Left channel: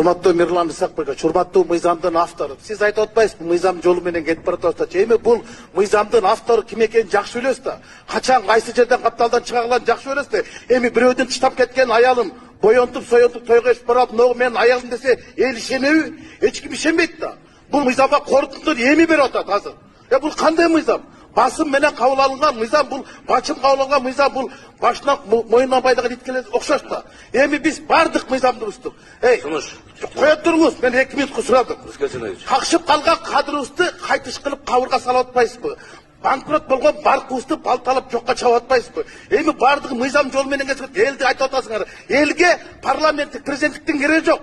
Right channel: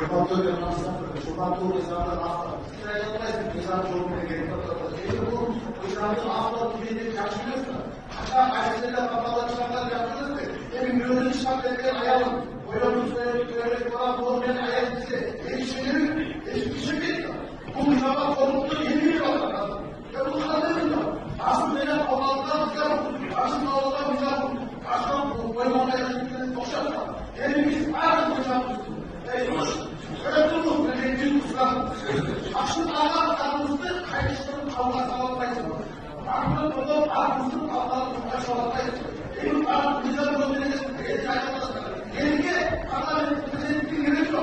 Урматтуу Мирлан Исакбекович, урматтуу мыйзамдын автору. Сиз айтып атпайсызбы, мыйзам жолу менен кетип баратат. Эми бул мыйзамдын автору ким экенин жакшы билесиз да. Качан кайсы жерден капталдан чыгарганын жакшы билесиз да. Эми бирөөдүн таштап кеткен аялын боёнтуп соёнтуп тойго ишип барып, могу менин аял десе, эл ишенеби? Эч ким ишенбейт да. Бул мыйзамга кордуктур эми берип атат азыр. Бул кандай мыйзам? Басым менен кабыл алынган мыйзам, бул бачым кабыл алган мыйзам, бул башынан моюнуна байлыгын иткеле окшош да. Эми биз бардык мыйзамды буздук. Кое туруңуз, мен 2 минутка сурадым. Какшып калган кадрыбызды кайтыш кылып кабырга салып атпайсызбы? Банкрот болгон банкыбызды балталап жокко чабып атпайсызбы? Эми бардыгы мыйзам жол менен кетип элди айтып атасыңар. Элге парламенттик президенттиктин кереги жок.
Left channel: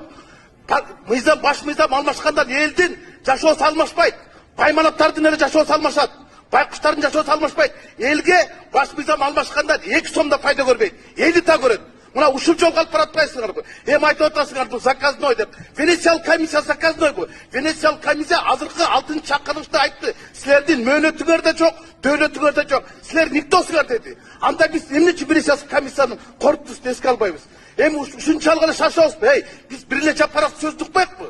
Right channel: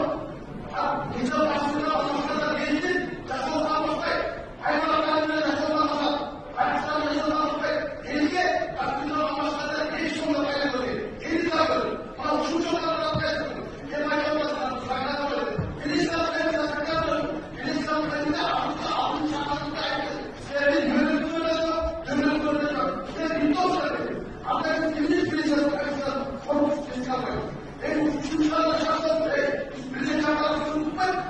Мыйзам баш мыйзам алмашкандан элдин жашоосу алмашпайт. Байманаттардын эле жашоосу алмашат. Байкуштардын жашоосу алмашпайт. Элге баш мыйзам алмашкандан 2 сом да пайда көрбөйт. Эли да көрөт. Мына ушул жолго алып баратпайсыздарбы? Эми айтып атасыңар бул заказной деп. Венециялык комиссия заказной бул. Венециялык комиссия азыркы 6 чакырышта айтты. Силердин мөөнөтүңөр да жок, дөөлөтүңөр да жок. Силер никтосуңар деди. Анда биз эмне үчүн Венециялык комиссиянын корпусун эске албайбыз? Эми ушунчалык эле шашабызбы? Биз бир эле жапырак сөздү укпайбызбы?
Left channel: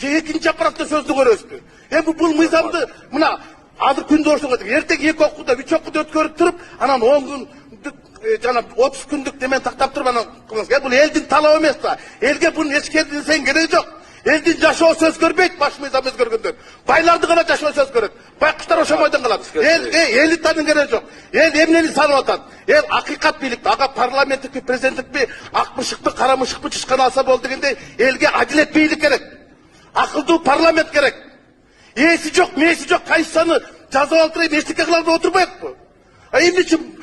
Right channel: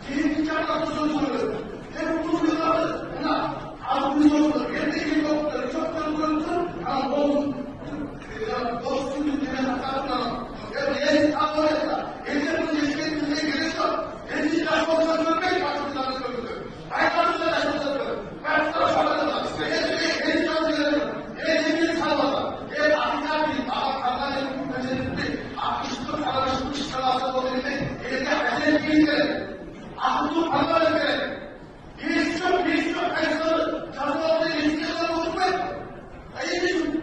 Же экинчи жапыракта сөздү көрөбүзбү? Эми бул мыйзамды мына азыр күндө ошого эртеги 2 окууда 3 окууда өткөрүп туруп, анан 10 күндүк жана 30 күндүк неме тактап туруп анан кылыңыз. Бул элдин талабы эмес да. Элге бунун эскертилсен кереги жок. Элдин жашоосу өзгөрбөйт, баш мыйзам өзгөргөндө. Байларды гана жашоосу өзгөрөт. Байкуштар ошомойдон калат. Элитанын кереги жок. Эл эмнени салып атат? Эл акыйкат бийликти, ага парламенттикпи, президенттикпи, ак мышыкпы, кара мышыкпы чычкан алса болду дегендей, элге адилет бийлик керек. Акылдуу парламент керек. Ээси жок, мээси жок, кайсаны жазып алдырып эчтеке кылып отурбайбы? Эмне үчүн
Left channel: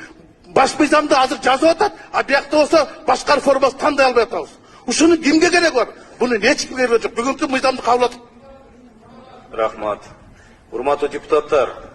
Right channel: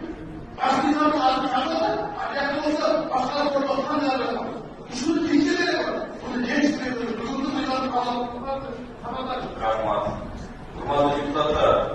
баш мыйзамды азыр жазып атат, а биякта болсо башка формасы тандай албай атабыз. Ушунун кимге кереги бар? Буну эч ким бербей жок. Бүгүнкү мыйзамды кабыл алып. Рахмат. Урматтуу депутаттар,